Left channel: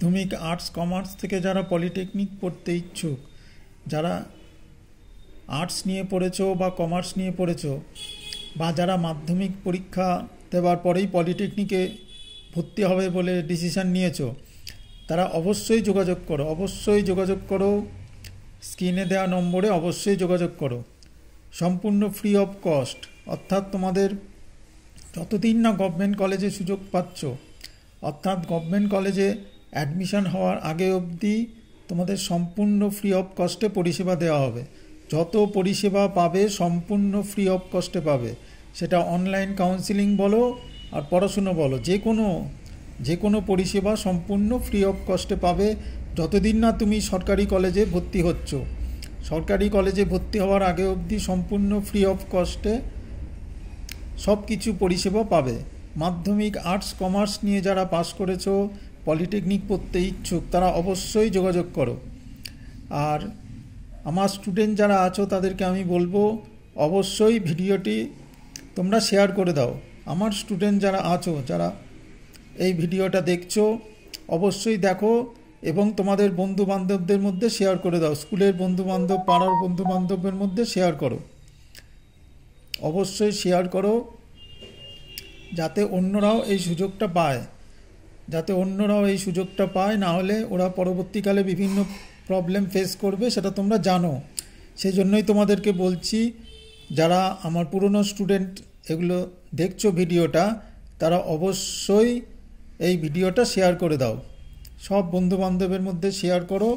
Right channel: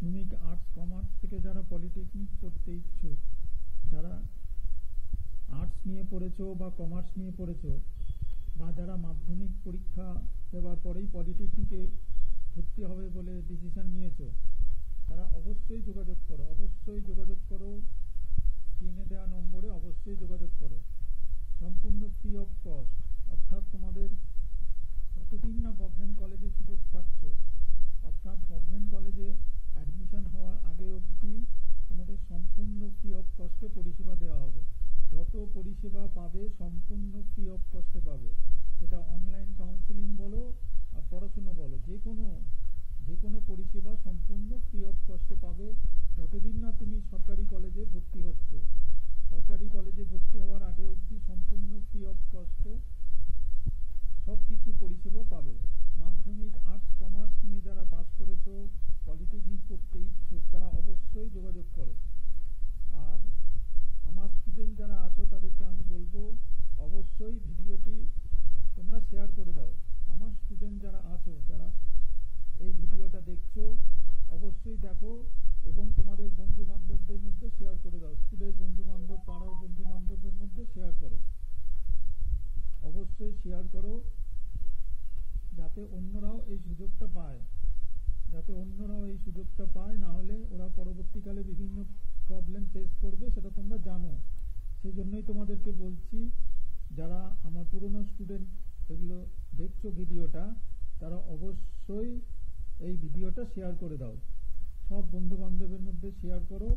মাধ্যমিক arts commerce থেকে যারা পলিটেকনিক পড়তে ইচ্ছুক, যারা আর্টস নিয়ে পড়েছো বা কমার্স নিয়ে পড়েছো, বা যারা মাধ্যমিক পরীক্ষা দেওয়ার পরেই পলিটেকনিকে ভর্তি হবে বলে ডিসিশান নিয়েছো, তারা অবশ্যই যোগাযোগ করো। স্ক্রিনে দেওয়া নম্বরে অবশ্যই যোগাযোগ করো। সম্পূর্ণ ফ্রি অফ কস্ট, অর্থাৎ তোমাদের যতদিন না গভর্নমেন্ট কলেজে সুযোগ পাচ্ছ, অর্থাৎ গভর্নমেন্ট কলেজে অ্যাডমিশন হওয়ার আগে অবধি তোমাদের সম্পূর্ণ ফ্রি অফ কস্টে পরিষেবা দেওয়া হবে। যত পরিষেবা পাবে সম্পূর্ণ ফ্রি অফ কস্টে পাবে। সেটা অনলাইন কাউন্সিলিং বলো আর পড়াশুনো বলো, যে কোনো পরিষেবা সম্পূর্ণ ফ্রি অফ কস্টে পাবে যতদিন না তুমি সরকারি কলেজে ভর্তি হচ্ছ। সরকারি কলেজে ভর্তি হওয়ার আগে অবধি সম্পূর্ণ ফ্রি অফ কস্টে সব কিছু পরিষেবা পাবে। মাধ্যমিক আর্টস কমার্স নিয়ে যারা পাস করেছো, পলিটেকনিক পড়তে ইচ্ছুক, তারা অবশ্যই যোগাযোগ করো। আর আমার স্টুডেন্ট যারা আছো তাদেরকে আমি বলবো অবশ্যই ভিডিওটি তোমরা শেয়ার করে দাও। আমার স্টুডেন্ট যারা আছো, যারা এই ভিডিওটা দেখছো, অবশ্যই দেখো এবং তোমাদের বন্ধুবান্ধবদের মধ্যে শেয়ার করে দাও। স্কুলের বন্ধুবান্ধব, পাড়ার বন্ধুবান্ধবের মধ্যে শেয়ার করো, অবশ্যই শেয়ার করো, যাতে অন্যরাও এই সুযোগটা পায়। না হলে ওরা পরবর্তীকালে বিভিন্ন প্রবলেম ফেস করবে, সেটা তোমরা জানো। সেই জন্যই তোমাদেরকে বলছি, যারা আমার পুরনো স্টুডেন্ট এগুলো দেখছো ভিডিওটা, তারা অবশ্যই এই ভিডিওটা শেয়ার করে দাও। সব বন্ধুবান্ধবের মধ্যে শেয়ার করো।